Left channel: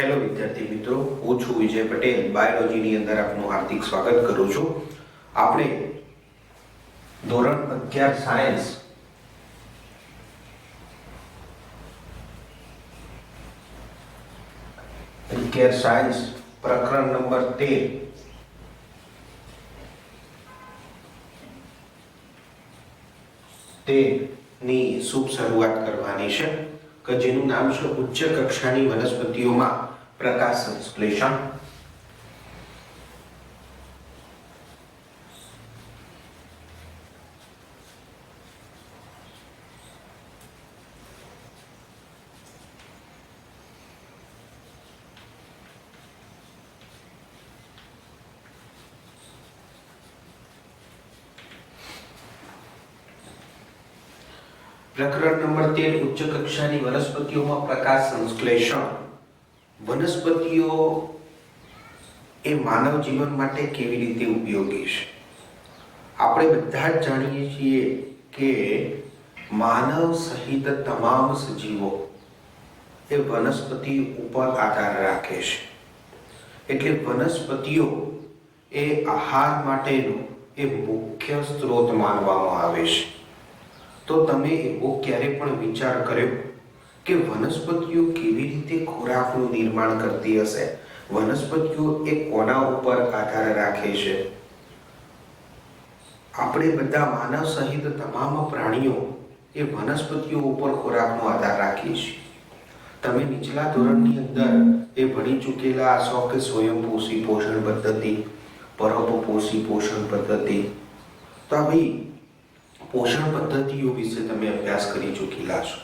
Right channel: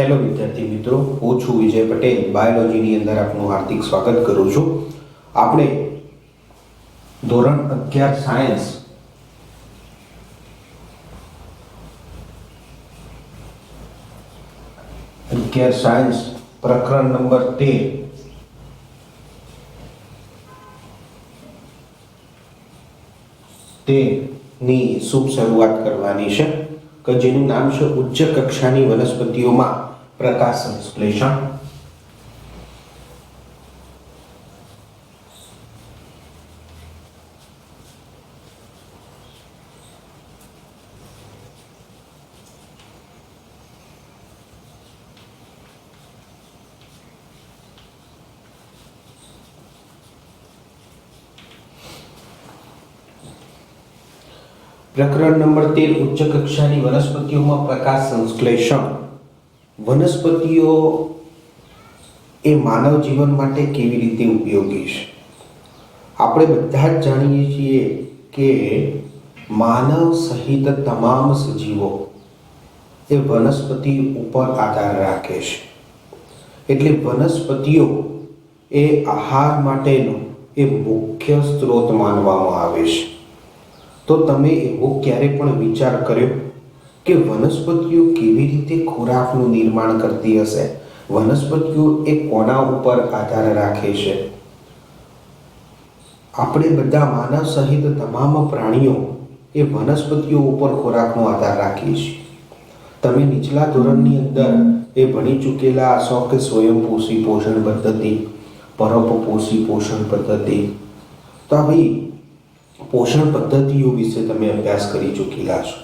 Hello વિદ્યાર્થી મિત્રો, હું છું વિજય પટેલ. બાયોલોજીની અંદર આપનું હાર્દિક સ્વાગત કરું છું. આપણે ધોરણ 11 સાયન્સ પ્રકરણ નંબર 13 ની શુભ શરૂઆત કરવાની છે કે જેનું નામ છે ઉચ્ચ કક્ષાની વનસ્પતિઓમાં પ્રકાશ સંશ્લેષણ. પ્રકરણ નંબર 13 ઉચ્ચ કક્ષાની વનસ્પતિઓમાં પ્રકાશ સંશ્લેષણ. વનસ્પતિઓ એ માનવ જીવન માટે કેવી રીતે ઉપયોગી છે? આપણે બધા જ જાણીએ છીએ કે માનવ સહિત તમામ સજીવો એ વનસ્પતિ ઉપર આધાર રાખે છે. એટલે વનસ્પતિઓ એ આહાર માટેનો એ મુખ્ય સ્ત્રોત માનવામાં આવે છે. તો તમે એવો ક્યારે પણ વિચાર કર્યો કે વનસ્પતિઓ કેવી રીતે ખોરાકનું નિર્માણ કરતી હશે? વનસ્પતિઓ એ કોના ઉપર આધાર રાખે છે? આપણે બધા માનવ સહિત તમામ પ્રાણીઓ એ વનસ્પતિઓ ઉપર ખોરાકનો આધાર રાખીએ છીએ. તમે નીચલા ધોરણની અંદર એ ભણી ચૂકેલા હશો કે સ્વયંપોષી પોષણ પદ્ધતિ, પરોપપોષી પોષણ પદ્ધતિ. તો આવી પોષણ પદ્ધતિઓ વિશે તમે અભ્યાસ કરી ચૂકેલા છો.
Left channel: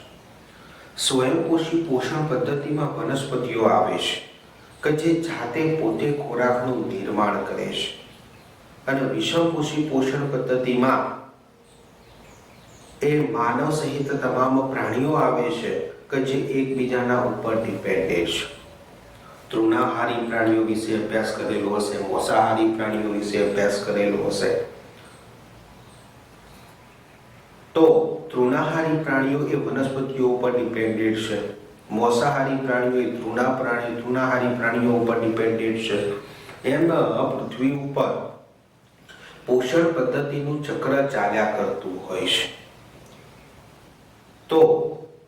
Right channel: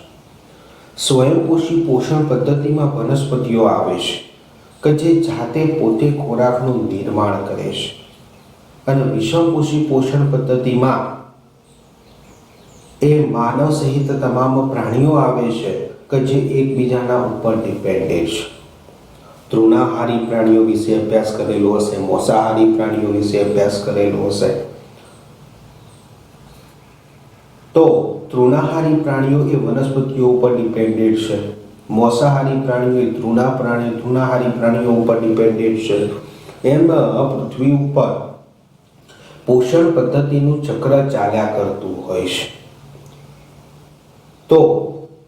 સ્વયંપોષી પોષણ પદ્ધતિમાં વનસ્પતિઓ આવે છે કે જે જાતે પોતે ખોરાકનું નિર્માણ કરે છે. અને વિષમપોષી પોષણ પદ્ધતિમાં એ માનવ સહિત તમામ પ્રાણીઓ આવે છે કે જે એકબીજાના ઉપર ડિપેન્ડેન્ટ છે. તૃણાહારી પ્રાણીઓ વિશે અભ્યાસ કરેલો હશે, મોસાહારી પ્રાણીઓ વિશે અભ્યાસ કરેલો હશે. તો તૃણાહારી પ્રાણીઓ એ વનસ્પતિઓ ઉપર ડિપેન્ડેન્ટ છે. મોસાહારી પ્રાણીઓ એ તૃણાહારી પ્રાણીઓ ઉપર ડિપેન્ડેન્ટ છે. એમ પૃથ્વી ઉપર પોષણ પદ્ધતિનું ચક્ર ચાલ્યા કરતું હોય છે. તો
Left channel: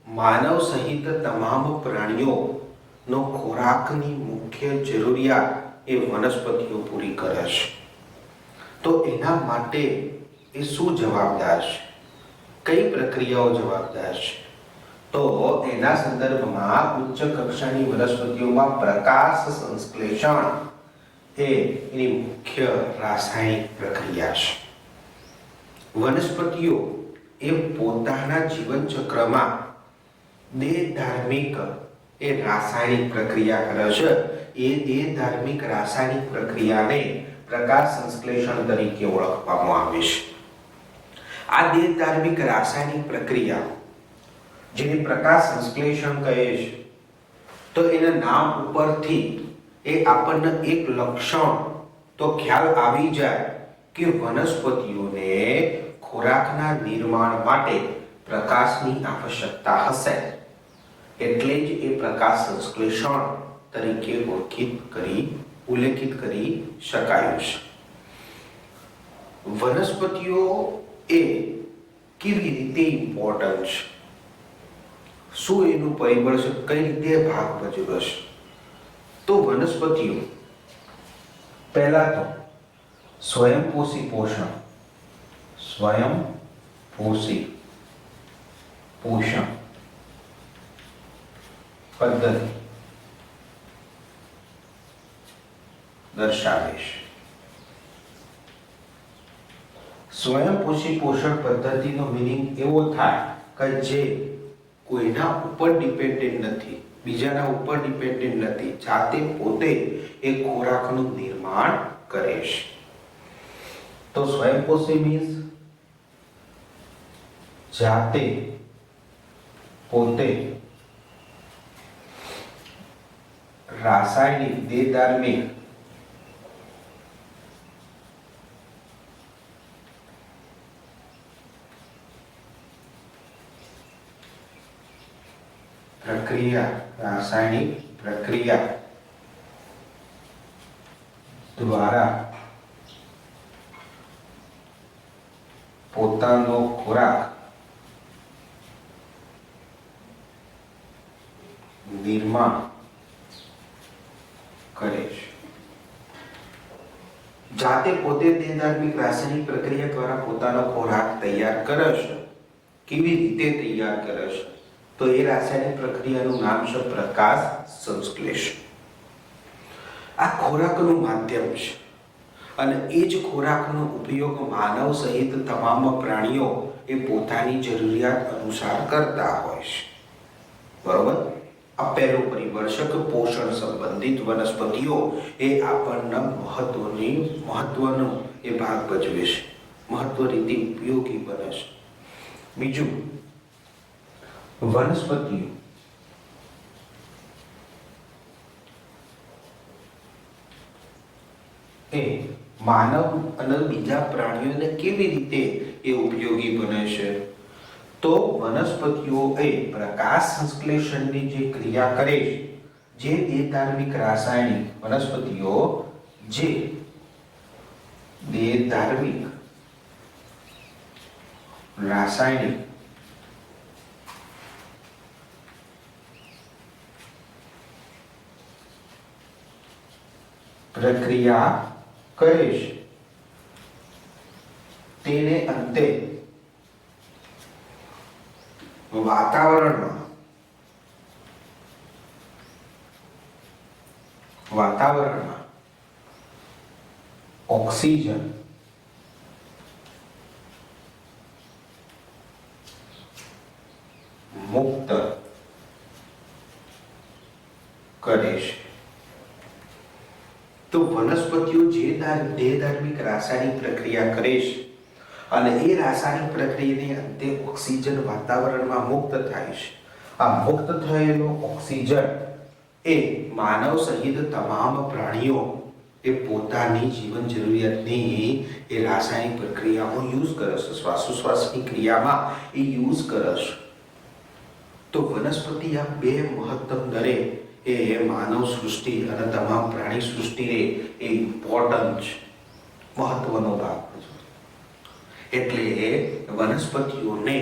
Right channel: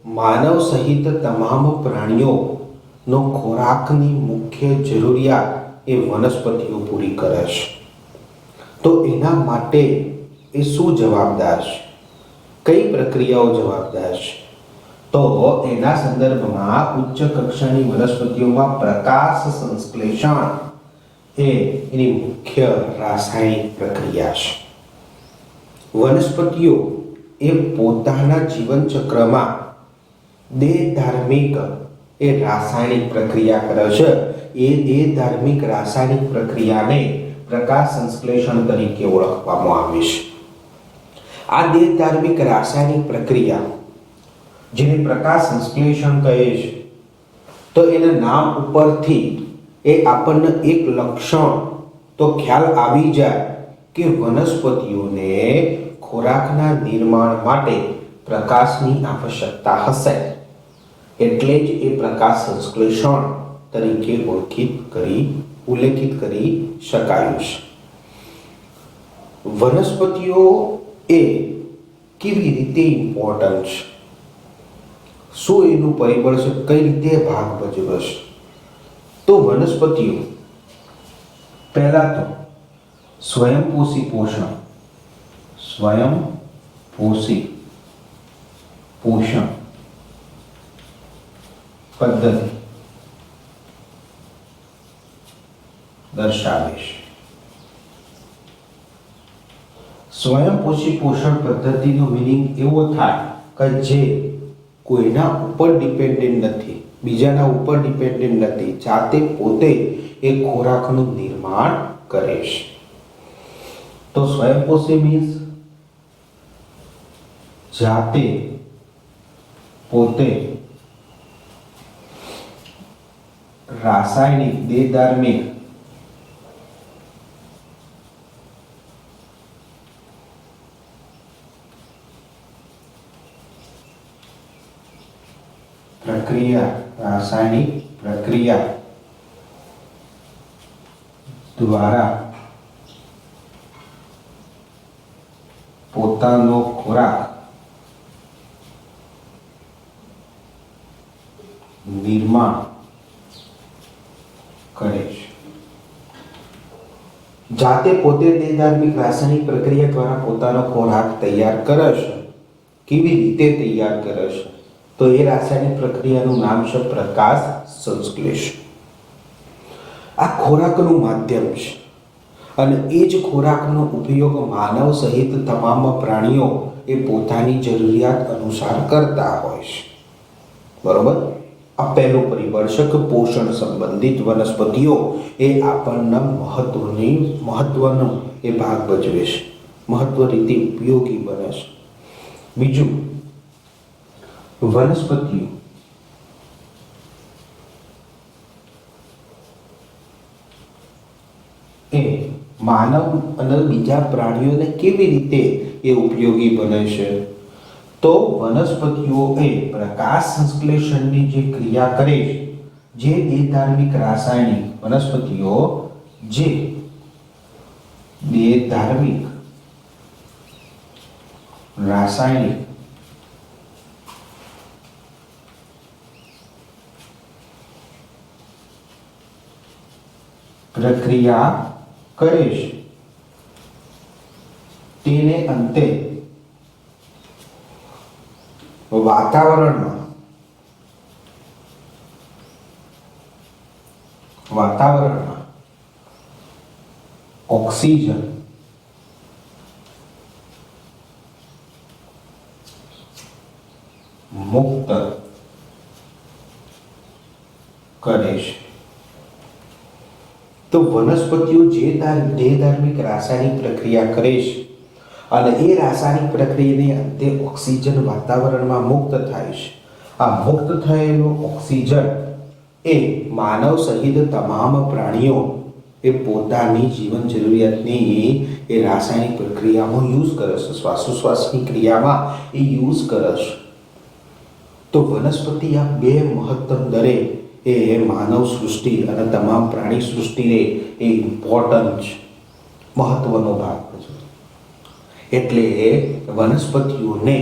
માનવ સહિત તમામ પ્રાણીઓનો ખોરાકની મુખ્ય જરૂરિયાત એ વનસ્પતિઓ પૂરી કરે છે. તો એના માટે એ શું જવાબદાર છે? કઈ પ્રક્રિયાઓ જવાબદાર છે? તો એના સંદર્ભમાં ઉચ્ચ કક્ષાની વનસ્પતિઓમાં પ્રકાશ સંશ્લેષણ એ એની મુખ્ય રાસાયણિક પ્રક્રિયા છે. વનસ્પતિઓ એ પોતાના જીવન ચક્રમાં દેહધાર્મિક એ રાસાયણિક પ્રક્રિયા કરે છે. એ દેહધાર્મિક રાસાયણિક પ્રક્રિયાને પ્રકાશ સંશ્લેષણ તરીકે ઓળખવામાં આવે છે. આ દેહધાર્મિક રાસાયણિક પ્રક્રિયા જેને પ્રકાશ સંશ્લેષણ કહે છે, તો એના નામ ઉપરથી એ આપણને એક લક્ષણ તો ખ્યાલ આવી જાય કે વનસ્પતિઓને ખોરાકના નિર્માણ માટે પ્રકાશની આવશ્યકતા હશે. એટલે જ એ પ્રકાશ સંશ્લેષણ તરીકે ઉલ્લેખિત કરી શકાયું છે. વનસ્પતિઓ એ કેવી રીતે ઇમ્પોર્ટન્ટ છે? શું એનું પરિબળ છે? કઈ રીતે ભાગ ભજવે છે? તો વનસ્પતિઓ પહેલા તો સ્વયંપોષી પોષણ પદ્ધતિ દર્શાવે છે. સ્વયંપોષી પોષણ પદ્ધતિનો મીનિંગ એવો થાય કે જે કોઈના ઉપર ડિપેન્ડન્ટ નથી, બીજાના ઉપર ડિપેન્ડન્ટ નથી, જાતે પોતે એ ખોરાકનું નિર્માણ કરે છે. તો સ્વયંપોષી મીન્સ જાતે પોતે રાસાયણિક દેહધાર્મિક રાસાયણિક પ્રક્રિયા દ્વારા પોતાનો ખોરાક નિર્માણ કરે છે. જાતે પોતે દેહધાર્મિક રાસાયણિક પ્રક્રિયા દ્વારા પોતાનો ખોરાક તૈયાર કરે છે. કેવી રીતે તૈયાર કરે છે? તો એ રાસાયણિક પ્રક્રિયાનું નામ છે પ્રકાશ સંશ્લેષણ. આ ખોરાકનું માધ્યમ છે અને એ જ ખોરાકનો ઉપયોગ માનવ સહિત તમામ પ્રાણીઓ એ પોતાની જરૂરિયાત અનુસાર કરતા હોય છે. બરોબર? આ પહેલું પરિબળ છે કે પોષણ સંબંધિત વનસ્પતિઓ એ આપણને મહત્વનો એ ભાગ ભજવે છે, મહત્વ રીતે ઉપયોગી બને છે. બીજું, વનસ્પતિઓ એ માનવ અને બીજા પ્રાણીઓને કેવી રીતે એ ઉપયોગી બને છે? તો વનસ્પતિઓ એ પ્રકાશ સંશ્લેષણની જે ક્રિયા કરે છે, જે દેહધાર્મિક રાસાયણિક વનસ્પતિઓ જે દેહધાર્મિક રાસાયણિક પ્રક્રિયા કરે છે તેને અંતે વાતાવરણમાં ઓક્સિજન મુક્ત કરે છે. તો વનસ્પતિઓ જે દેહધાર્મિક રાસાયણિક પ્રક્રિયા કરે છે અને એ રાસાયણિક પ્રક્રિયાને અંતે ઓક્સિજન વાતાવરણમાં મુક્ત થાય છે. આ મુક્ત થયેલો ઓક્સિજન એ માનવ સહિત તમામ પ્રાણીઓ એ પોતાની જીવન જરૂરિયાતની એ રાસાયણિક પ્રક્રિયામાં યુઝ કરે છે, શ્વાસોશ્વાસની ક્રિયામાં એ યુઝ કરે છે. તો વનસ્પતિ આ બે મહત્તમ દરે એ માનવ સૃષ્ટિ અને તમામ પ્રાણી સૃષ્ટિને એ ઇમ્પોર્ટન્ટ છે, મહત્વનો ભાગ ભજવે. એટલે વનસ્પતિઓને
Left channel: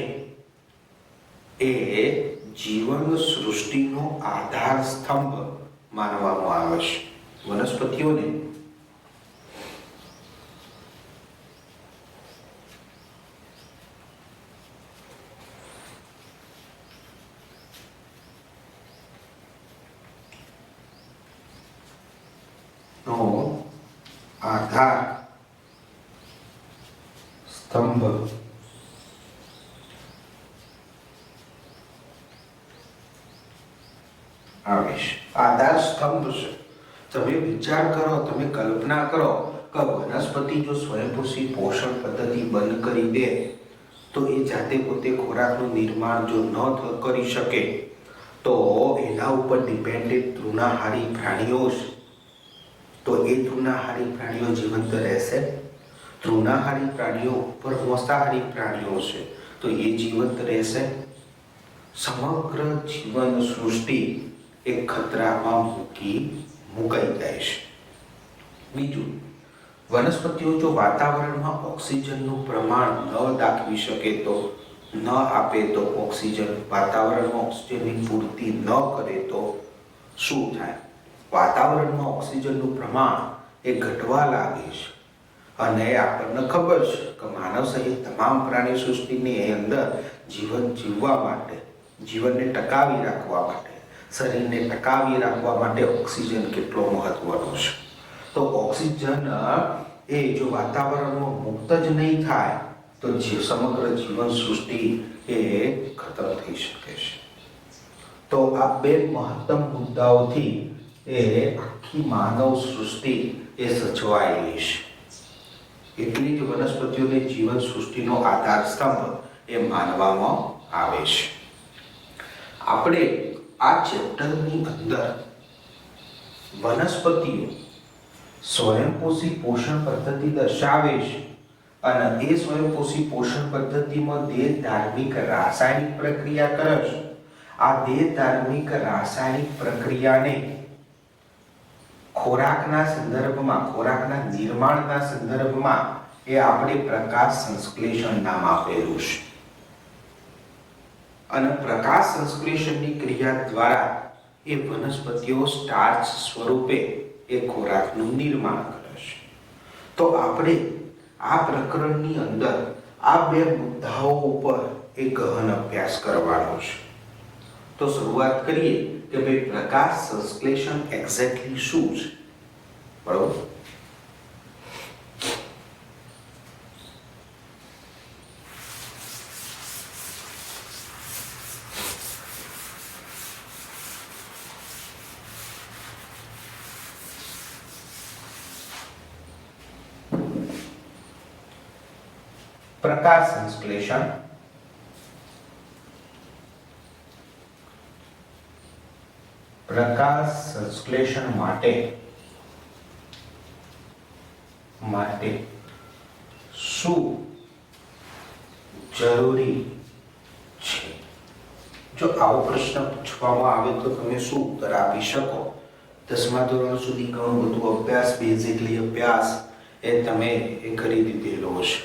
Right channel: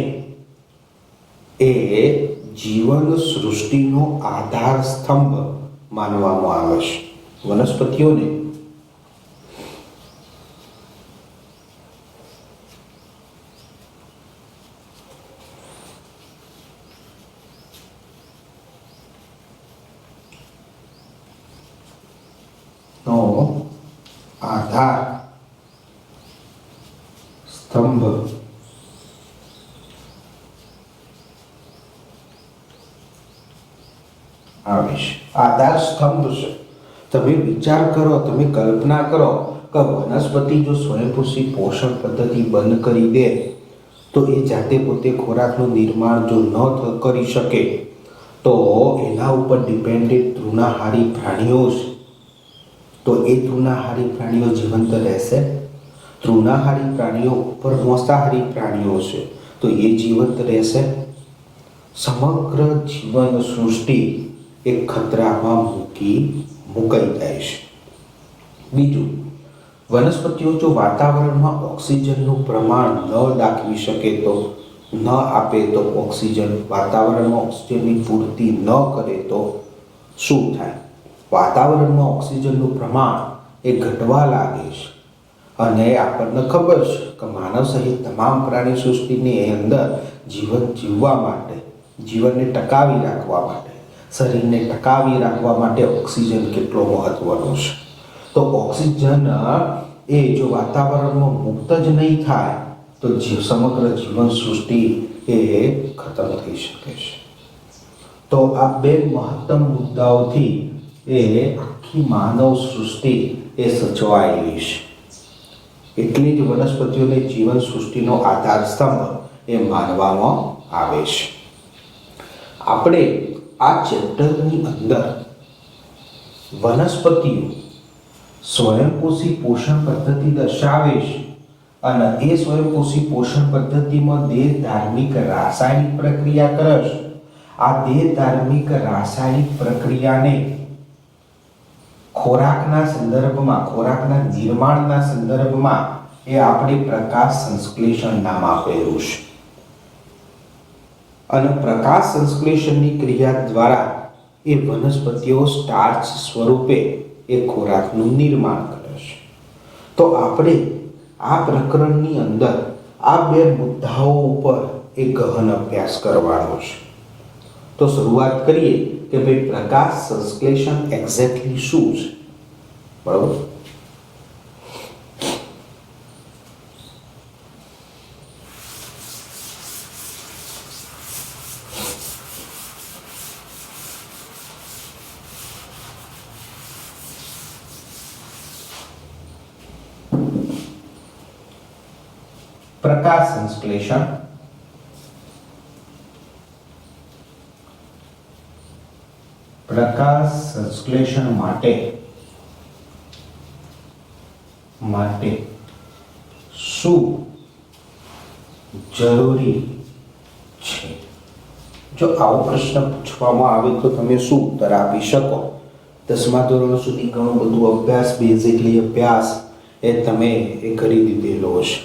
એ જીવન સૃષ્ટિનો આધાર સ્તંભ માનવામાં આવે છે. વનસ્પતિઓને નો આધાર સ્તંભ આવે છે. આધાર સ્તંભ છે. તમે વિચાર કરો, તમે કલ્પના કરો કે વનસ્પતિ જો સ્વયંપોષી પોષણ પદ્ધતિ બંધ કરી દે તો એ જાતે પોતે ખોરાકનું નિર્માણ જો ન કરી શકે તો એના ઉપર ડિપેન્ડેન્ટ તૃણાહારી પ્રાણીઓ છે. તો એ તૃણાહારી પ્રાણીઓ જીવંત રહેશે? તૃણાહારી પ્રાણીઓ ઉપર માંસાહારી પ્રાણીઓ છે તો એ જીવંત રહેશે? સમગ્ર જીવન સૃષ્ટિ એ ખતરામાં મુકાઈ જાય છે. બીજું, વનસ્પતિઓ જો વાતાવરણમાં ઓક્સિજનનું પ્રમાણ ન દાખવી શકે તો, ન આપે તો, ઓક્સિજન વાતાવરણમાં ઓક્સિજનની પૂર્તિ ન કરે તો શું થાય? વાતાવરણમાં ઓક્સિજનનું પ્રમાણ એ ઘટવા લાગે છે અને આપણને ખબર છે કે માનવ સહિત તમામ પ્રાણી સૃષ્ટિની અંદર જીવન જીવવા માટે, જીવનને ટકાવી રાખવા માટે, શરીરને ટકાવી રાખવા માટે ઓક્સિજન કેટલો મહત્વનો છે. તો ઓક્સિજન એ જો વાતાવરણમાં મુક્ત જ નહીં થાય તો સમગ્ર જીવન સૃષ્ટિ એ ખતમ થઈ શકે છે. તો આ બે મહત્તમ મુદ્દાઓથી એ આખી માનવ સૃષ્ટિ એ સચવાયેલી છે. એટલી જ વનસ્પતિઓને જીવન સૃષ્ટિનો આધાર સ્તંભ એ માનવામાં આવે છે. આપણે આ ચેપ્ટરની અંદર વનસ્પતિઓ સ્વયંપોષી પોષણ પદ્ધતિ દર્શાવે છે અને એ સ્વયંપોષી પોષણ પદ્ધતિમાં દેહધાર્મિક રાસાયણિક પ્રક્રિયા કરે છે. આ દેહધાર્મિક રાસાયણિક પ્રક્રિયાને ખોરાકના સંદર્ભમાં, ખોરાકના નિર્માણના સંદર્ભમાં એ આપણે પ્રકાશ સંશ્લેષણ નામ આપેલું છે. અને પ્રકાશ સંશ્લેષણની ક્રિયા દ્વારા એ વનસ્પતિઓ સ્ટાર્ચ સ્વરૂપે એ ખોરાકનું નિર્માણ કરે છે. તો આપણે આ પ્રકરણની અંદર આ બે મુદ્દાઓ ઉપર એ ગહન અભ્યાસ કરવાનો છે. તો શરૂઆત કરીએ કે ભાઈ પ્રકાશ સંશ્લેષણ એક્ઝેક્ટલી શું છે. બરાબર. પ્રકાશ સંશ્લેષણ માટે શું જરૂરી છે? જો આવો પ્રશ્ન પૂછવામાં આવે તો તમે શું ઉત્તર આપી શકો? 10મા ધોરણ સુધી ઘણું બધું અભ્યાસ, બેઝિકલી અભ્યાસ એ તમે એ કરી દીધેલો છે.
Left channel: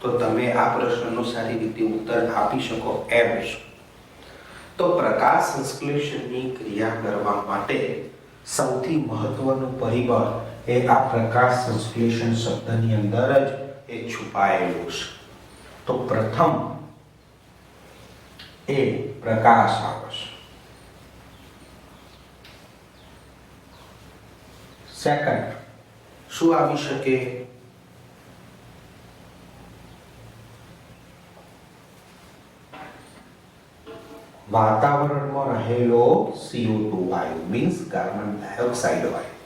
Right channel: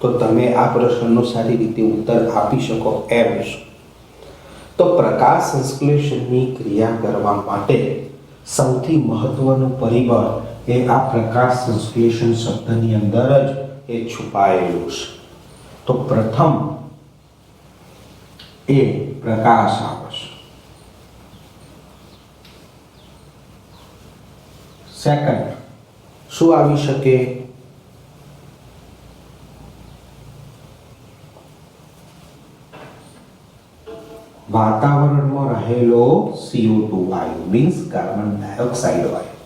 તો તમે આ પ્રશ્નનો સારી રીતે ઉત્તર આપી શકો એમ છે. તો પ્રકાશ સંશ્લેષણની ક્રિયા કરવા માટે સૌથી મહત્વનું પરિબળ એ આ પ્રકાશ સંશ્લેષણ શબ્દની અંદર જ એ છુપાયેલું છે. તો પ્રથમ એ પ્રકાશ આવે છે. સેકન્ડ શું આવી શકે? વાતાવરણમાં રહેલો CO2 વાયુ, મીન્સ કાર્બન ડાયોક્સાઇડ વાયુ.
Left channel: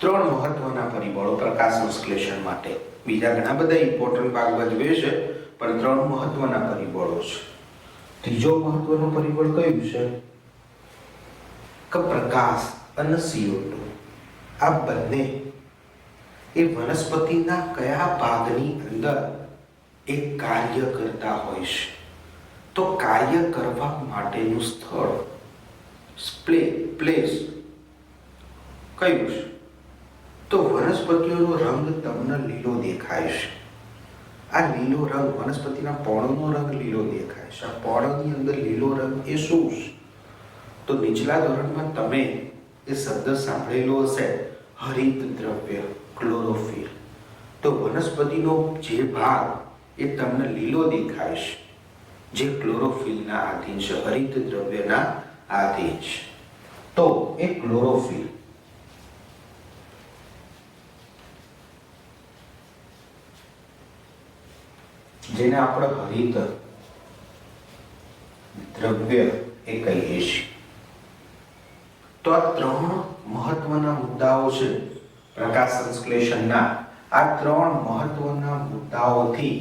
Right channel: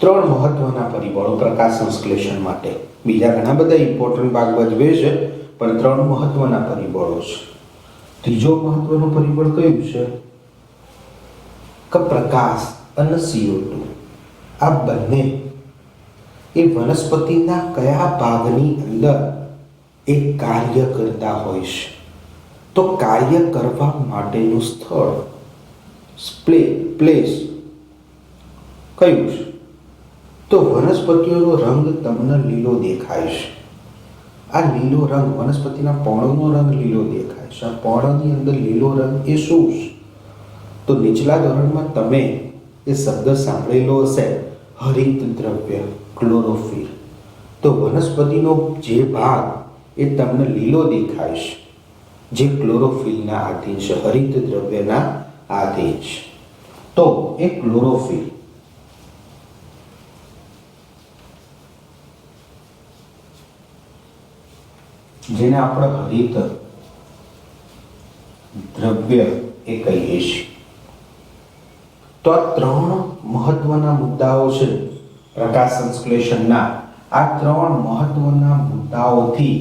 ત્રણ મહત્વના પરિબળો પ્રકાશ સંશ્લેષણ માટે. બીજા ઘણા બધા ઇમ્પોર્ટન્ટ ભાગ ભજવે છે, પણ ત્રણ મહત્વના પરિબળો છે. ત્રીજો મહત્વનું પરિબળ કયું છે? કે પ્રકાશ અને CO2 આ બંને એ વનસ્પતિના કયા ભાગની અંદર એ કાર્ય કરતા હોય છે. તો કાર્ય કરવા માટેનું સ્થળ, પ્લેસ કયું છે? તો વનસ્પતિઓનો રંગ તમને લીલો દેખાય છે. આ લીલો રંગ, વનસ્પતિના પર્ણનો રંગ લીલો દેખાય છે. આ પર્ણની અંદર લીલો રંગ એ શું છે? તો નીચલા ધોરણમાં તમે એ શબ્દ સાંભળેલો હશે, હરિત દ્રવ્ય, ક્લોરોફિલ. તો વનસ્પતિનો જે ભાગ એ તમને લીલો દેખાય છે, જે ક્લોરોફિલના આધીન છે, હરિત દ્રવ્યના આધીન છે. તો એ ક્લોરોફિલ. જેને આપણે હરિત દ્રવ્ય એ કહીએ છીએ. તો આ ત્રણ મહત્વના મુદ્દાઓ છે પ્રકાશ સંશ્લેષણના. આ ત્રણ મહત્વના મુદ્દાઓથી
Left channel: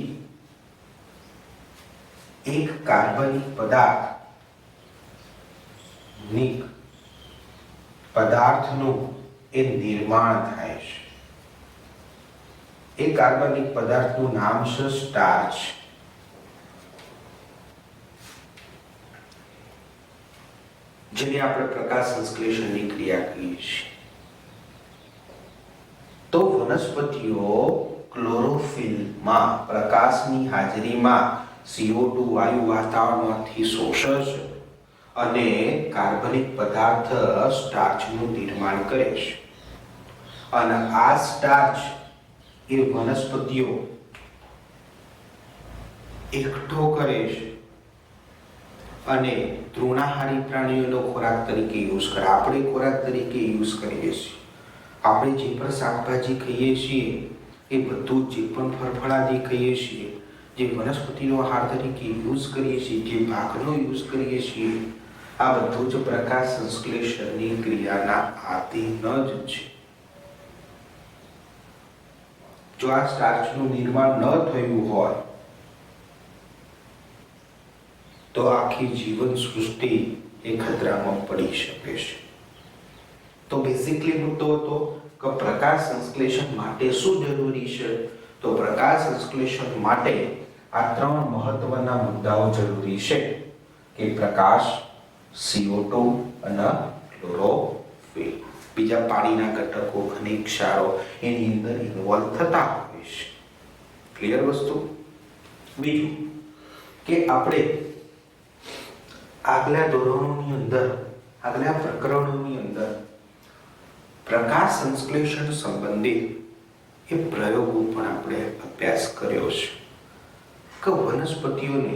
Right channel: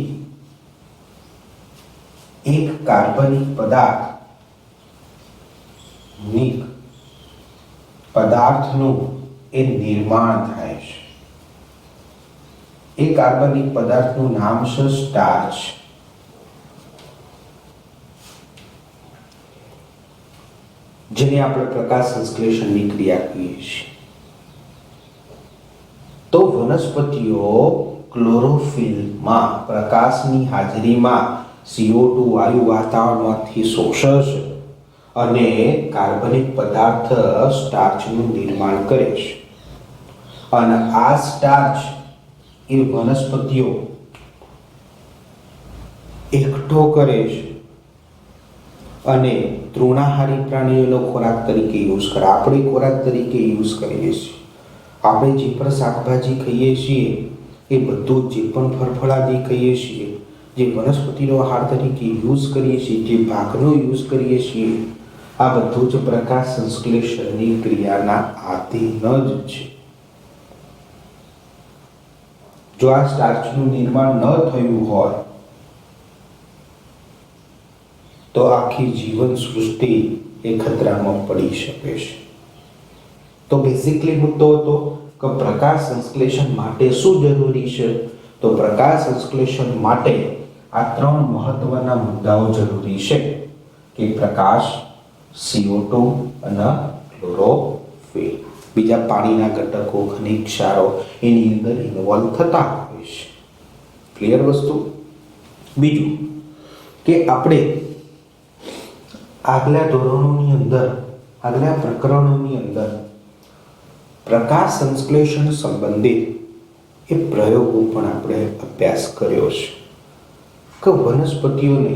એક કાર્બનિક પદાર્થનું એ નિર્માણ થાય છે. એ કાર્બનિક પદાર્થનું નામ છે સ્ટાર્ચ. જેને આપણે પ્રકાશ સંશ્લેષણની ક્રિયા કહીએ છીએ. તો વનસ્પતિઓ ક્લોરોફિલમાં પ્રકાશની હાજરીમાં CO2 વાયુ વાતાવરણમાંથી શોષે છે અને કાર્બનિક પદાર્થ સ્ટાર્ચનું નિર્માણ કરે છે. અને આ સ્ટાર્ચ એ વનસ્પતિઓ એકઠો કરે છે અને તૃણાહારી પ્રાણીઓનો ખોરાક તરીકે યુઝ કરે. આપણે ખોરાક તરીકે યુઝ કરીએ છીએ. આપણે જે પણ શાકભાજી ખાઈએ છીએ એ બધું, જે પણ ફળફળાદી ખાઈએ છીએ, જે વનસ્પતિનો આહાર તરીકે યુઝ કરીએ છીએ, જે ભાગનો યુઝ કરીએ છીએ, આ બધું જ પ્રકાશ સંશ્લેષણની ક્રિયાના આધીન જ છે. જો આ સ્ટાર્ચનું નિર્માણ ન થયું હોય તો આખી જીવન સૃષ્ટિ એ ખતરામાં પડી શકે છે. તો બેઝિકલી મુદ્દો હતો કે પ્રકાશ સંશ્લેષણ માટે શું જરૂરી છે? તો પ્રકાશ સંશ્લેષણ માટે આ ત્રણ મહત્વના મુદ્દાઓ જરૂરી છે કે પ્રકાશ, CO2 અને ક્લોરોફિલ. બીજા પાણીના ઘટકો, ખનિજ ક્ષારો એની અંદર ઇન્વોલ્વ થતા હોય છે. ક્લિયર વસ્તુ? બીજું કે આપણે આગલા ધોરણોની અંદર, આગલા પ્રકરણોની અંદર પ્રકાશ સંશ્લેષણ સંબંધિત એ પ્રયોગો પણ આપણે અભ્યાસ કર્યો છે કે વનસ્પતિઓને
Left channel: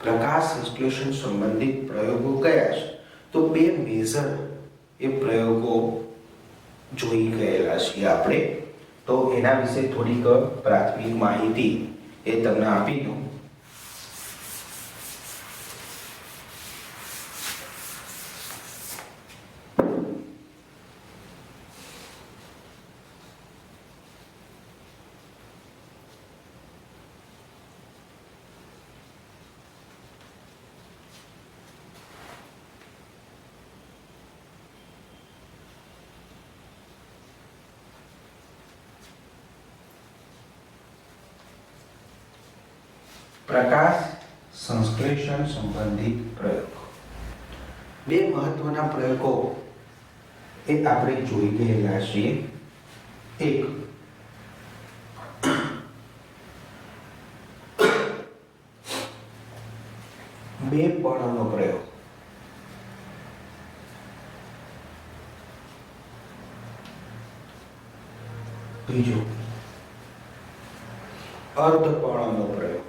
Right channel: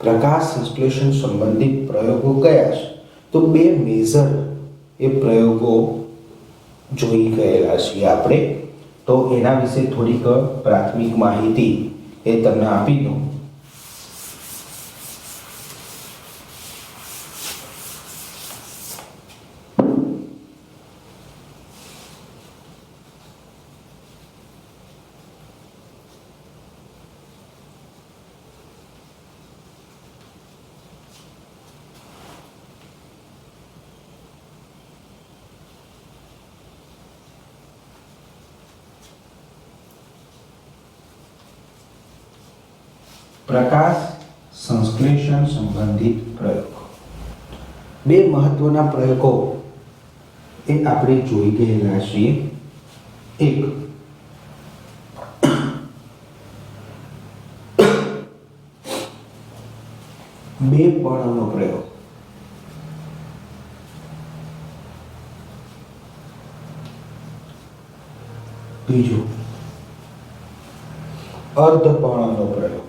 પ્રકાશ સંશ્લેષણ સંબંધિત પ્રયોગો કયા છે. તો બે મેજર એ પ્રયોગો જોઈ ગયેલા છીએ આપણે. તો એના વિશે થોડીક પ્રાથમિક માહિતી એ તમને આપી દઉં. પ્રકાશ સંશ્લેષણ સંબંધિત પ્રયોગો. બે મહત્વના પ્રયોગો એ આપણે જોઈ ગયેલા છીએ. એક બે પર્ણનો પ્રયોગ, બીજો અર્ધપર્ણનો પ્રયોગ.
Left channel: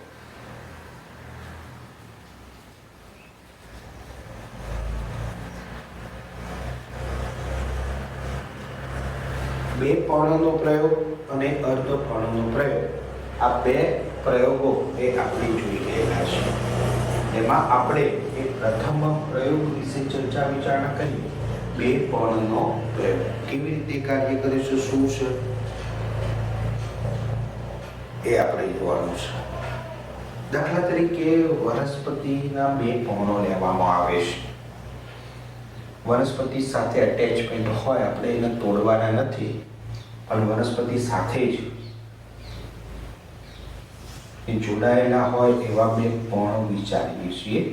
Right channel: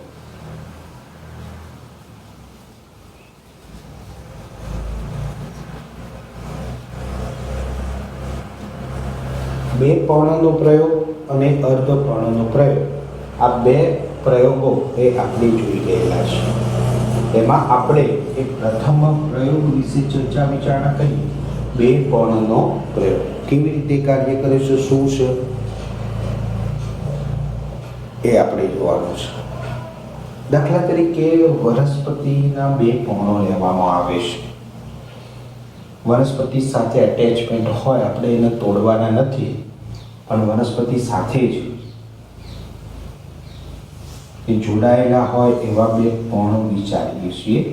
બે પર્ણનો પ્રયોગ અને અર્ધપર્ણનો પ્રયોગ, આ બે પ્રયોગો એ આપણે જોઈ ગયેલા છે. એમાં આપણે એ પ્રથમ પ્રયોગ વિશે ચર્ચા વિચારણા કરી. બે પર્ણનો પ્રયોગ કેવી રીતે કાર્ય કરે છે, શું છે એ આપણે જોવાનું છે. દાખલા તરીકે વનસ્પતિના બે પર્ણો લેવામાં આવે છે. વનસ્પતિ સાથે અટેચમેન્ટ હોય, આપણે એને તોડવાના નથી, પણ વનસ્પતિ સાથે જ એ જોડાયેલા હોય એવા બે પર્ણો વિચારીએ છીએ.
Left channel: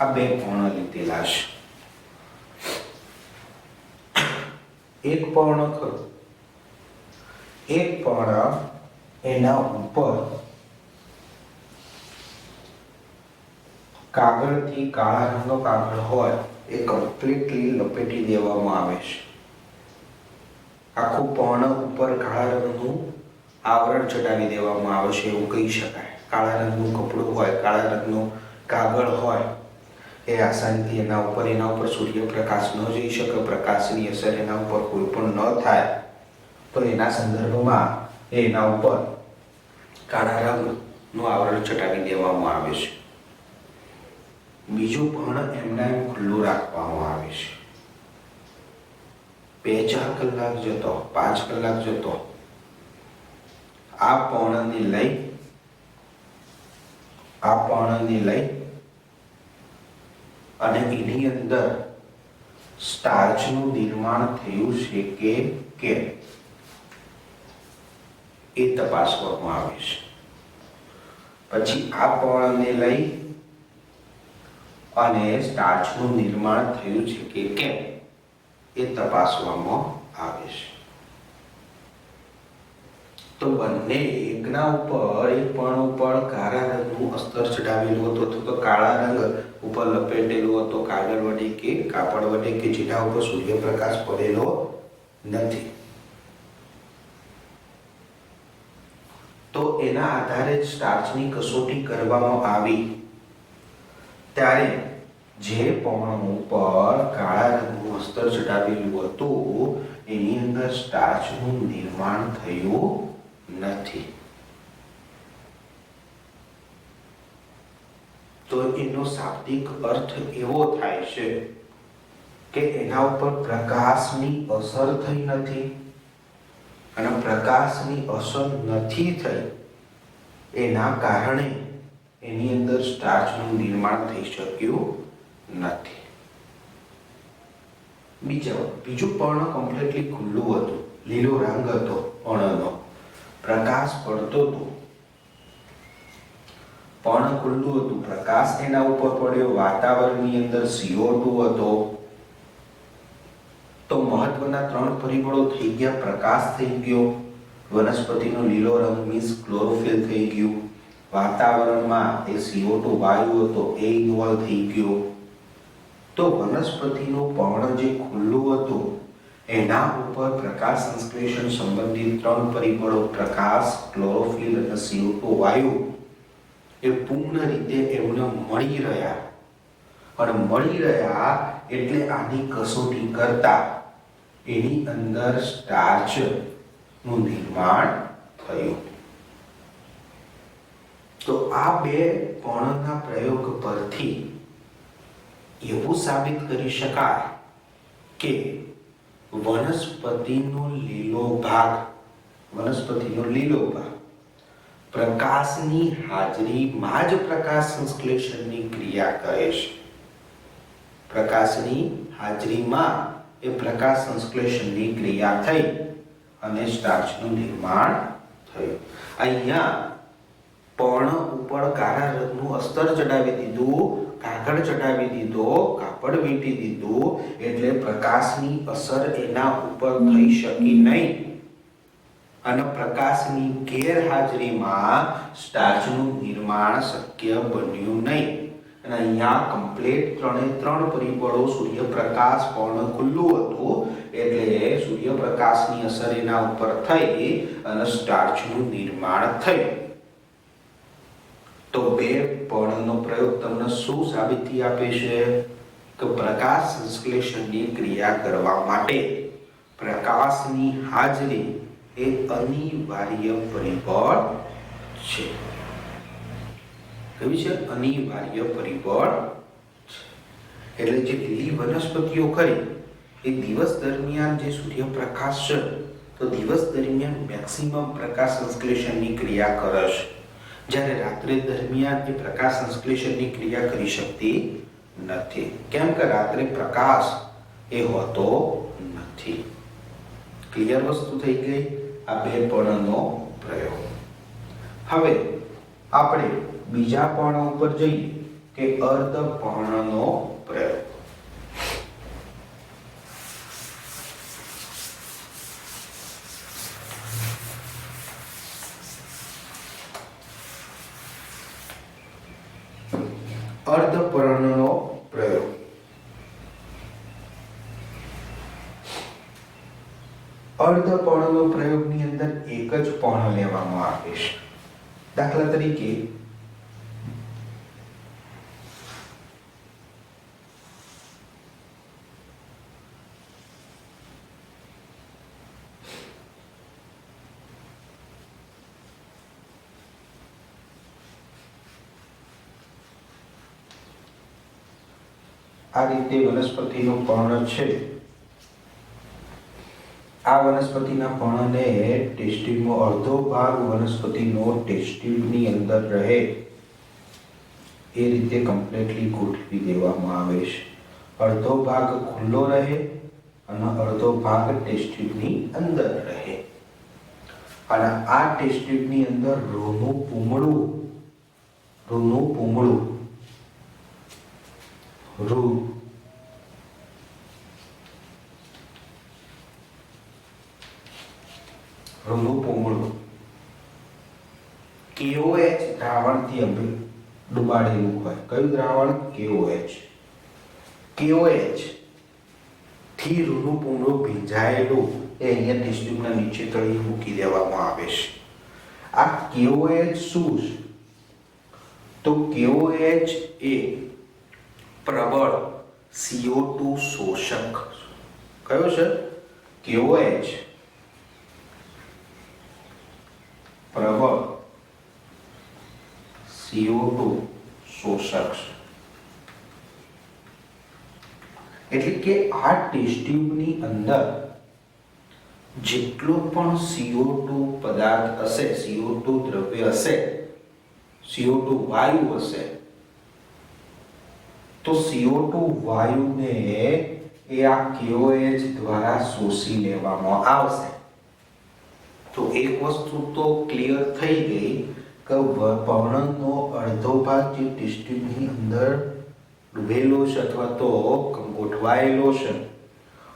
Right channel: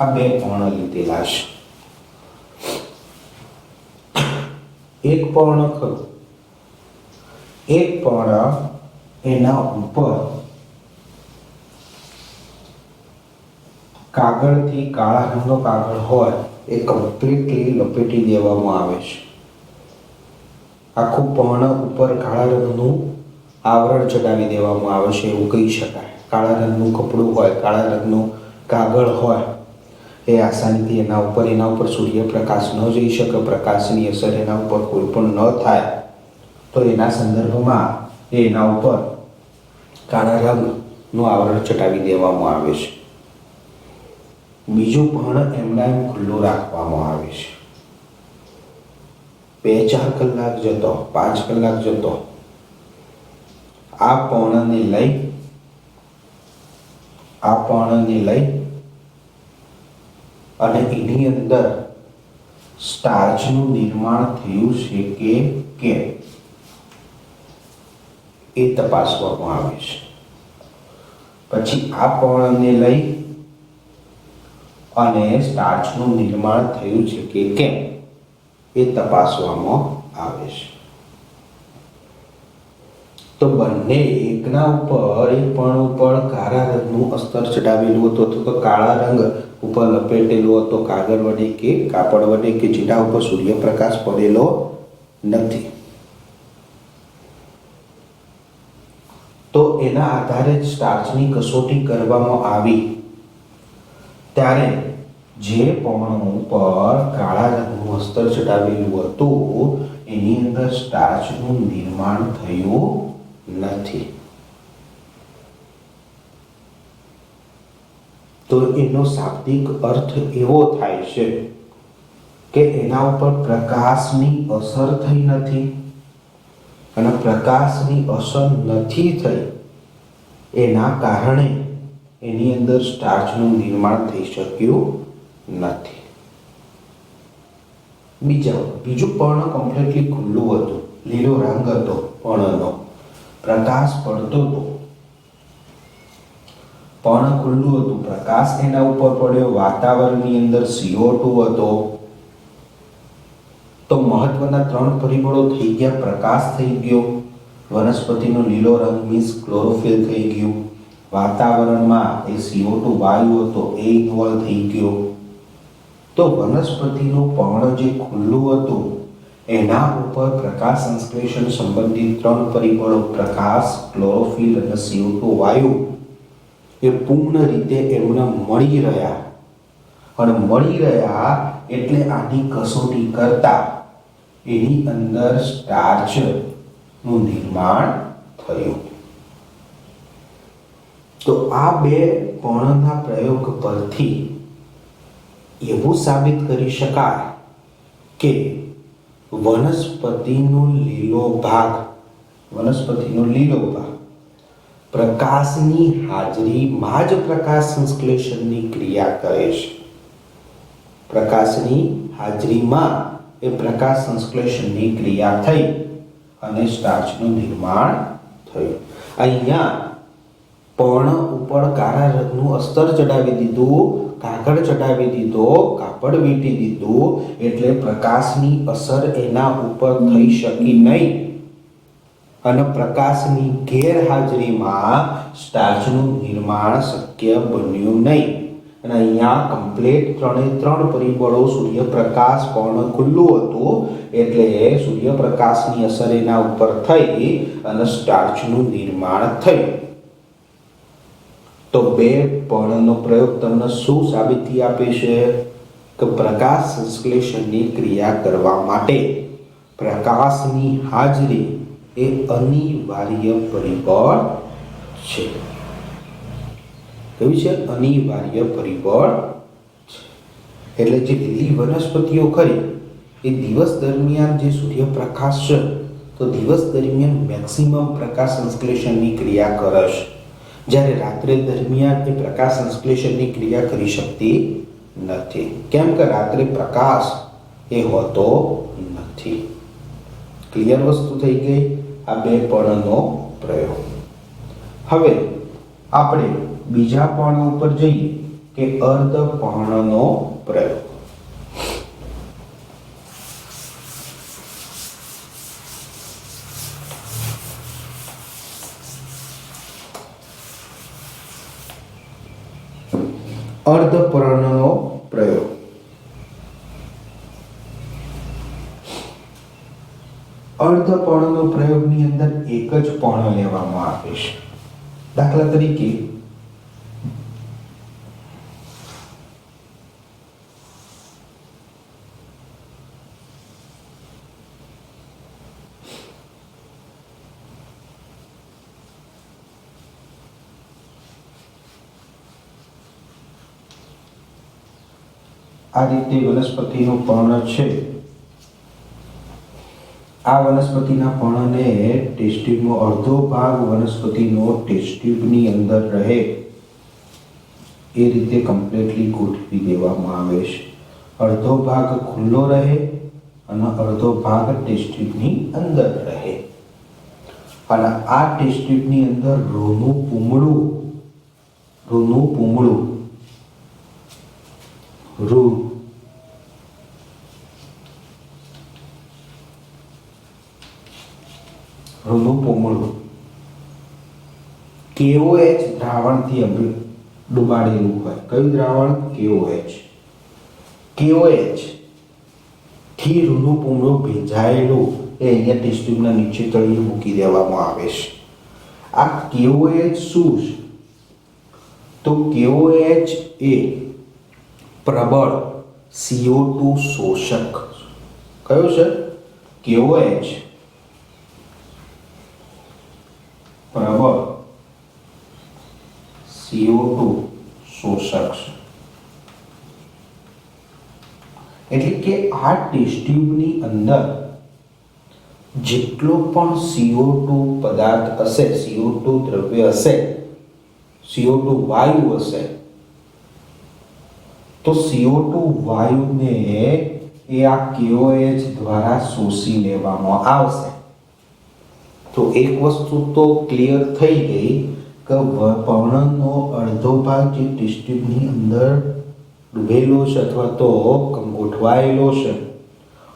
આ બે પર્ણ લીધેલા છે. એક પર્ણ ખરું, એક પર્ણ એના ઉપર કાગળથી, કાળા રંગનો કાગળ હોય એ કમ્પ્લીટલી લપેટી દેવામાં આવે છે. આખું પર્ણ ઉપર કાળા રંગનું આવરણ ચડાવી દેવામાં આવે છે એવું કહી શકાય. કાળા રંગનું કપડું હોય, કાળા રંગનું કાગળ હોય, એ આસાનીથી એના ઉપર સૂર્યપ્રકાશ ન જઈ શકે, પ્રકાશની અસર એના ઉપર કોઈ પણ ન થાય, તો એના સંદર્ભમાં એના ઉપર કાળા રંગનું આવરણ ચટાવી દેવામાં આવે છે. બીજું પર્ણ એમના એમ ખુલ્લું રાખવામાં આવે છે. 2-4 કલાક જતો, 5 કલાક જતો આ પર્ણને લઈ અને એની અંદર સ્ટાર્ચનું નિર્માણ થયું છે કે કેમ એ તપાસવામાં આવે છે. પછી આ પર્ણને લઈ અને સ્ટાર્ચનું નિર્માણ થયું છે કે કેમ એ તપાસવામાં આવે છે. તો બંને એકના ઉપર, એક પર્ણ ઉપર કાળા રંગનું અસ્તર ચડાવેલું હતું અથવા તો કાળા રંગ ઉપર લપેટેલું હતો કાગળ વડે કે કાપડ વડે, કે જેના ઉપર સૂર્યપ્રકાશ પડેલો નથી. તો એના આધારે સ્ટાર્ચની કસોટી કરવામાં આવી ત્યારે જે પર્ણ ઉપર કાળા રંગનું અસ્તર ચડાવેલું હતું એની અંદર સ્ટાર્ચનું નિર્માણ થયું નથી. તો એનો શાબ્દિક અર્થ એવો થાય છે કે એના ઉપર પ્રકાશની અસર થઈ નથી, અને પ્રકાશની અસર નથી થઈ એના કારણે એની અંદર સ્ટાર્ચનું નિર્માણ થઈ શક્યું નથી. બીજું પર્ણ કમ્પ્લીટલી ખુલ્લું હતું, લીલો રંગ હતો પર્ણનો, પ્રકાશ પડતો હતો, પર્ણ ખુલ્લું હતું, પ્રકાશ એના ઉપર પડ્યો, વાતાવરણની અંદર CO2 હતો. તો મહત્વના 3 પરિબળો થઈ ગયા. પ્રકાશ થઈ ગયો, વનસ્પતિનો લીલો રંગ મીન્સ ક્લોરોફિલ થઈ ગયું, વાતાવરણમાં એ CO2 વાયુ હતો એ ઇન્વોલ્વ થઈ ગયો. તો વનસ્પતિનું પર્ણ જે ખુલ્લું હતું એના ઉપર પ્રકાશ સંશ્લેષણ સંબંધિત 3 પરિબળો પ્રકાશ, ક્લોરોફિલ અને CO2 વાયુ એ પૂર્ણ રીતે એમને મળી રહ્યા, અને મળી રહ્યા એટલે આની કસોટી કરતા એની અંદર સ્ટાર્ચનું નિર્માણ થયું. તો આ 2 પર્ણના પ્રયોગ પરથી એવું સાબિત કરી શકાય કે વનસ્પતિનો લીલો ભાગ પ્રકાશની હાજરીમાં જ પ્રકાશ સંશ્લેષણની ક્રિયા કરે છે. પ્રકાશની હાજરીમાં એ પ્રકાશ સંશ્લેષણની ક્રિયા થઈ અને સ્ટાર્ચનું નિર્માણ થયું. અહીંયા પર્ણ ઉપર કાળા રંગનું અસ્તર ચડાવી દીધું, કાગળ ચડાવી દીધો, કાપડ વીંટી દીધું, એટલે પ્રકાશની અસર એના ઉપર થઈ શકી નહીં, અને પ્રકાશની ગેરહાજરીમાં સ્ટાર્ચનું નિર્માણ શક્ય બન્યું નહીં. અને અહીંયા કમ્પ્લીટ 3 પરિબળો, સૂર્યપ્રકાશ, પર્ણ ખુલ્લું હતું એટલે સૂર્યપ્રકાશની અસર એના ઉપર થઈ અને સ્ટાર્ચનું નિર્માણ થયું. તો 2 પર્ણનો પ્રયોગ તમને શું સાબિતી આપે છે કે પ્રકાશ સંશ્લેષણની ક્રિયા કરવા માટે પ્રકાશની હાજરી એ અનિવાર્ય પરિબળ છે. કયું છે? અનિવાર્ય પરિબળ. એટલે જે લીલી વનસ્પતિઓ ખરી એ દિવસ દરમિયાન જે સૂર્યપ્રકાશ છે તો દિવસ દરમિયાન મેક્સિમમ પ્રકાશ સંશ્લેષણની ક્રિયા કરે છે, જ્યારે રાત્રે દરમિયાન એ પ્રકાશ સંશ્લેષણની ક્રિયા કરી શકતી નથી. કેમ કે રાત્રે પ્રકાશ એ હોતો નથી. ક્લિયર વસ્તુ થઈ ગઈ આ 2 પર્ણનો પ્રયોગ. હવે આપણે બીજા પર્ણ ઉપર જઈએ કે અર્ધપર્ણનો પ્રયોગ. અર્ધપર્ણનો પ્રયોગ. અર્ધપર્ણનો પ્રયોગની અંદર એક જ પર્ણ લેવામાં આવે છે. દાખલા તરીકે આ રીતે વનસ્પતિનું પર્ણ છે. આ વનસ્પતિના પર્ણને ટેસ્ટ ટ્યુબનો અડધો ભાગ વનસ્પતિનો ટેસ્ટ ટ્યુબની અંદર રહે એ રીતે કમ્પ્લીટલી ગોઠવી દેવામાં આવે છે. અડધો ભાગ ખુલ્લો રહે અને અડધો ભાગ ટેસ્ટ ટ્યુબની અંદર રહે. અને આ ટેસ્ટ ટ્યુબની અંદર રૂનું પૂમડું રૂનું પૂમડું KOH દ્રાવણથી ડુબાડેલું હોય. કયું દ્રાવણ? KOH થી રૂનું પૂમડું ભીંજાયેલું એ અહીંયા ટેસ્ટ ટ્યુબના નીચે તળી મૂકી દેવામાં આવે છે. આ KOH શું છે? તો KOH એ પ્રબળ CO2 શોષક. કયો છે? KOH પ્રબળ CO2 શોષક છે. એટલે કે આ ટેસ્ટ ટ્યુબની અંદર જેટલો પણ CO2 પદાર્થ હશે, CO2 દ્રવ્ય હશે, CO2 વાયુ હશે, તો CO2 વાયુને એ આ KOH દ્વારા શોષી લેવામાં આવશે. તો એક વસ્તુ તો ક્લિયર થઈ ગઈ કે પર્ણનો અડધો ભાગ જે ટેસ્ટ ટ્યુબની અંદર ડૂબેલો છે અથવા તો ગોઠવાયેલો છે,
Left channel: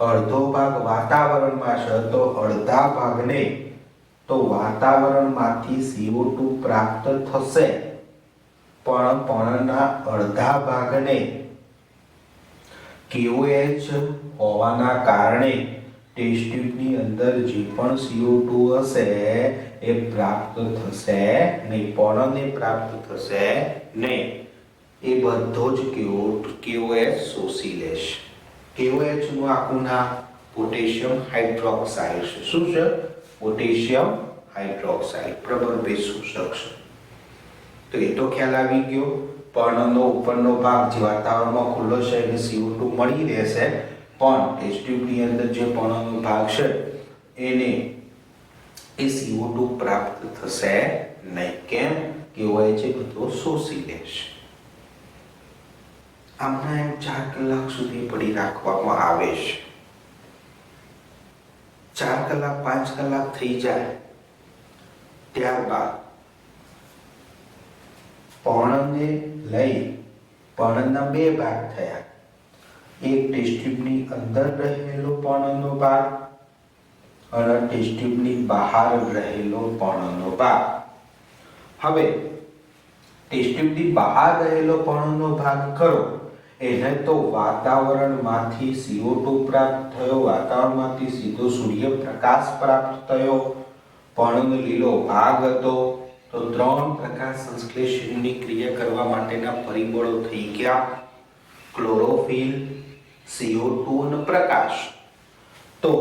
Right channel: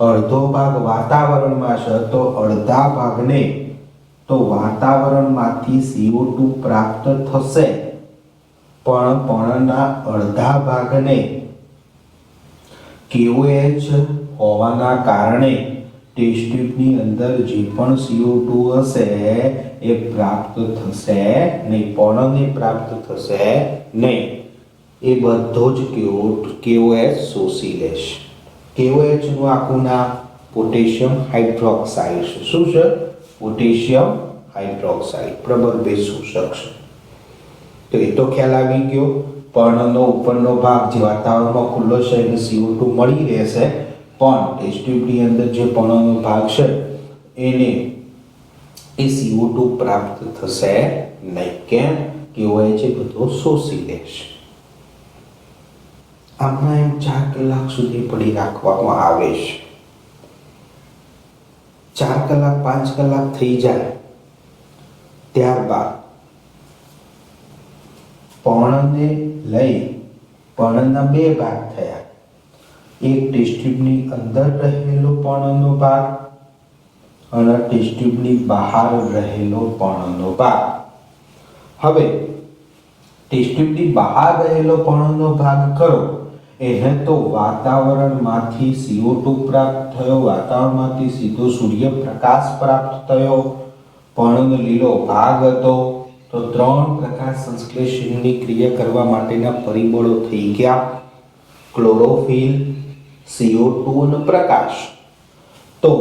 અડધો ભાગ વાતાવરણમાં છે, તો અડધા ભાગને તો વાતાવરણમાંથી CO2 પ્રાપ્ત થશે, પણ પર્ણના અડધા ભાગને KOH હોવાના કારણે ટેસ્ટ ટ્યુબની અંદર જે પણ CO2 હશે એ પ્રાપ્ત થશે નહીં, પર્ણને પ્રાપ્ત થશે નહીં. એ બધો જ KOH શોષી લેશે. KOH નું આખું નામ પોટેશિયમ હાઇડ્રોક્સાઇડ છે. શું છે? પોટેશિયમ હાઇડ્રોક્સાઇડ પ્રબળ ભેજ શોષક છે. તો એ તો ખ્યાલ આવી ગયો. પર્ણનો ઉપરનો ભાગ જે વાતાવરણમાં ખુલ્લો છે એને CO2 મળી રહેશે, પણ ટેસ્ટ ટ્યુબની અંદર જે પર્ણનો ભાગ છે એને એ CO2 પ્રાપ્ત થશે નહીં. કેમ? KOH એ બધો શોષી લેશે. આમના એમ 4 કલાક સુધી પડી રાખવામાં આવે છે. 4 કલાક 5 કલાક થઈ જાય ત્યારબાદ પર્ણને લઈ પર્ણના 2 ભાગ થયા. એક ટેસ્ટ ટ્યુબની અંદર રહેલો પર્ણનો ભાગ અને ટેસ્ટ ટ્યુબની બહાર રહેલો પર્ણનો ભાગ. હવે ટેસ્ટ ટ્યુબની બહાર રહેલો પર્ણનો ભાગ કરો એને તો વાતાવરણમાંથી CO2 પ્રાપ્ત થયો, વાતાવરણમાંથી સીધો સૂર્યપ્રકાશ પ્રાપ્ત થયો, પર્ણનો લીલો ભાગ હતો, તો 3 પ્રકાશ સંશ્લેષણની ક્રિયા કરવા માટેના પરિબળો થઈ ગયા: ક્લોરોફિલ, CO2 અને પ્રકાશ. તો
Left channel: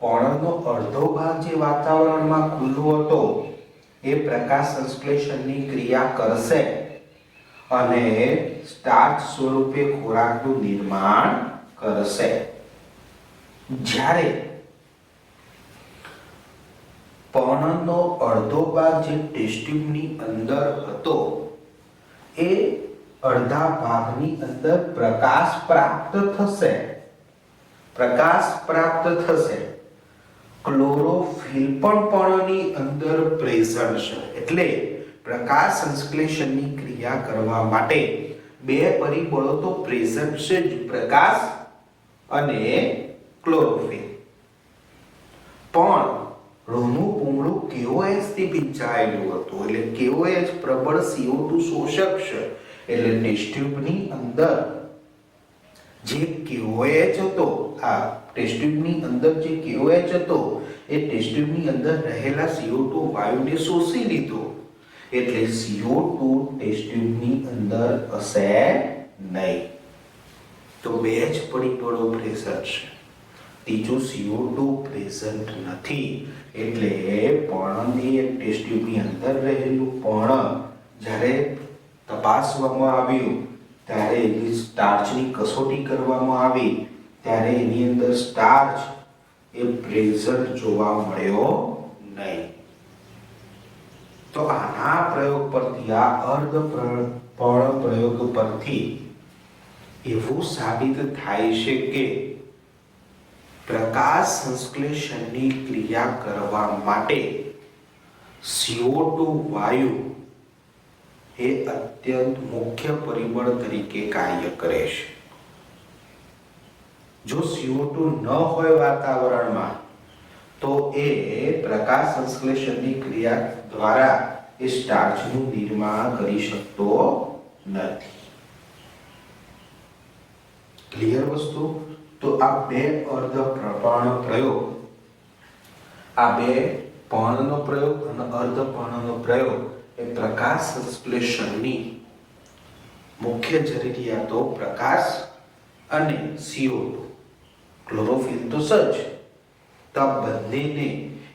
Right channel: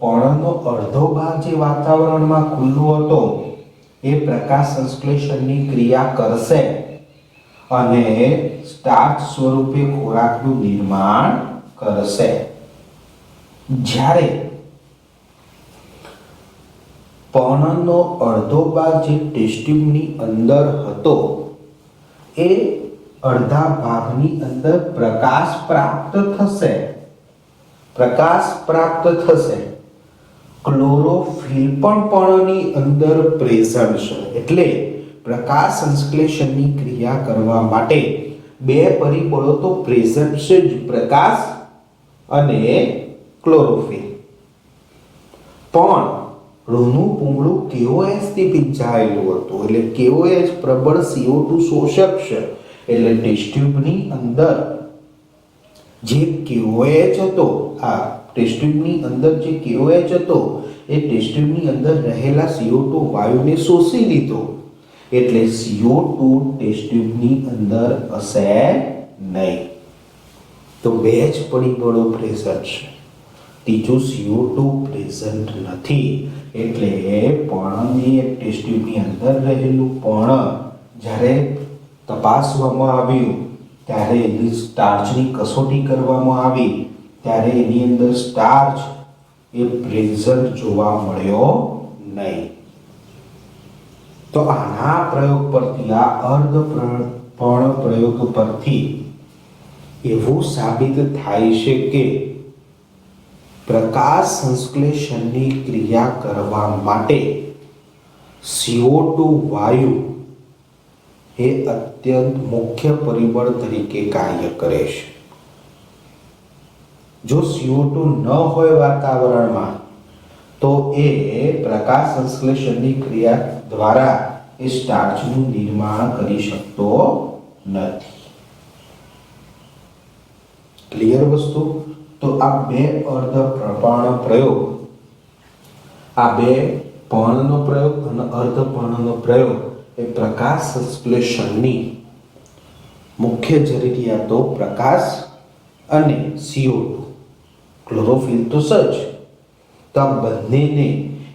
પર્ણનો અડધો ભાગ જે વાતાવરણમાં ખુલ્લો હતો એ પ્રકાશ સંશ્લેષણની ક્રિયા કરશે અને સ્ટાર્ચ સ્વરૂપે ખોરાકનું નિર્માણ કરશે. જ્યારે પર્ણનો અડધો ભાગ જે ટેસ્ટ ટ્યુબની અંદર હતો એ અડધા ભાગની અંદર પ્રકાશ પ્રાપ્ત થશે. ક્લોરોફિલ પણ પર્ણની અંદર પ્રેઝન્ટ છે. એટલે પ્રકાશ સંશ્લેષણની ક્રિયા કરવા માટે 2 પરિબળો તો પ્રેઝન્ટ છે જ, પ્રકાશ અને ક્લોરોફિલ. પણ ઋનું પૂંગળું KOH થી ભીંજાયેલું હતું. એટલે KOH પ્રબળ CO2 શોષક છે. એટલે ટેસ્ટ ટ્યુબની અંદર જે KOH હતો, આ ટેસ્ટ ટ્યુબની અંદર જે KOH હતો એ ટેસ્ટ ટ્યુબની અંદર રહેલા CO2 વાયુને શોષી લીધો. એટલે CO2 ટેસ્ટ ટ્યુબની અંદર હશે નહીં. તો 2 જ પરિબળો પ્રેઝન્ટ છે. ત્રીજું CO2 પ્રેઝન્ટ નથી. એટલે પર્ણની ટેસ્ટ ટ્યુબની અંદર રહેલું પર્ણ જ્યારે તપાસવામાં આવ્યું ત્યારે એની સ્ટાર્ચની કસોટી કરવામાં આવી ત્યારે એની અંદર સ્ટાર્ચ એ પ્રેઝન્ટ જોવા મળ્યો નહીં. તો આના પ્રયોગ પરથી, આ અર્ધપર્ણ પ્રયોગ પરથી એવું સાબિત થાય છે કે પ્રકાશ સંશ્લેષણની ક્રિયા કરવા માટે CO2 વાયુ એ અત્યંત મુખ્ય પરિબળ તરીકે કાર્ય કરે છે. જો CO2 ન હોય વાતાવરણમાં તો એ પ્રકાશ સંશ્લેષણની ક્રિયા દ્વારા એ સ્ટાર્ચનું નિર્માણ કરી શકતો નથી. ક્લિયર વસ્તુ? તો આ 2 અર્ધપર્ણ પ્રયોગ, આ 2 પર્ણનો પ્રયોગ અને અર્ધપર્ણનો પ્રયોગ એ પ્રકાશ સંશ્લેષણની મુખ્ય જરૂરિયાતો પ્રકાશ અને CO2, ક્લોરોફિલ તો સજ, તો આ બંનેને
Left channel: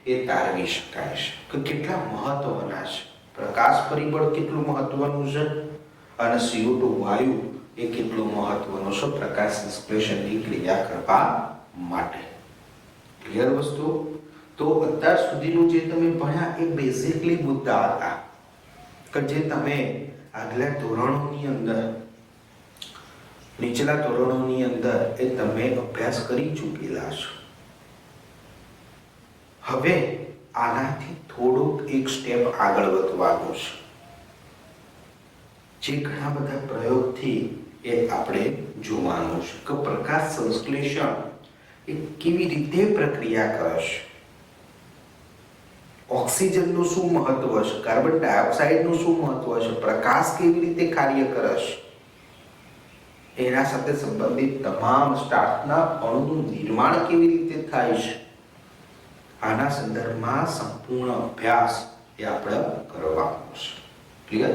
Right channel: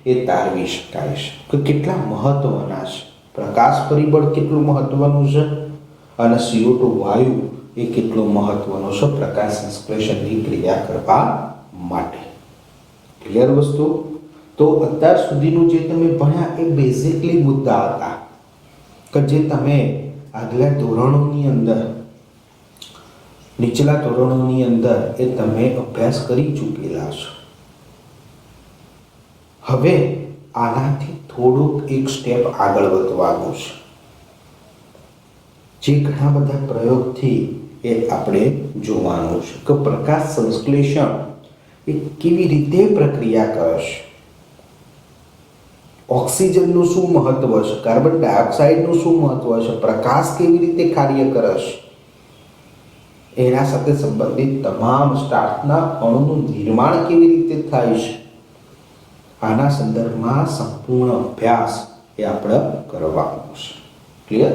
એ તારવી શકાય છે. કે કેટલા મહત્વના છે. પ્રકાશ પરિબળ કેટલું મહત્વનું છે અને CO2 વાયુ એ કેટલો મહત્વનો છે પ્રકાશ સંશ્લેષણની ક્રિયા કરવા માટે. ક્લિયર વસ્તુ? તો અત્યાર સુધીનું જે તમે ભણ્યા એ બેઝિકલી મુદ્દા હતા કે જે તમે આગલા ધોરણોની અંદર, નીચલા ધોરણોની અંદર એ તમે અભ્યાસ કરી ચૂકેલા છો. હવે આનાથી થોડુંક એક સ્ટેપ આગળ વધવાનું છે, જે ઘણા બધા પ્રયોગથી એ આપણે જોવાનું છે કે પ્રકાશ સંશ્લેષણ એ કેવી રીતે પ્રક્રિયા કરે છે, ઓક્સિજનનું શું મહત્વ છે, કાર્બન ડાયોક્સાઇડનું શું મહત્વ છે, પ્રકાશ કેવી રીતે કાર્ય કરે છે, એના સાથે સંબંધિત તમામ સ્ટાર્ચના અણુનું નિર્માણ કેવી રીતે થાય છે, આના સંદર્ભમાં સંપૂર્ણ અભ્યાસ એ આપણે કરવાનો છે. ક્લિયર?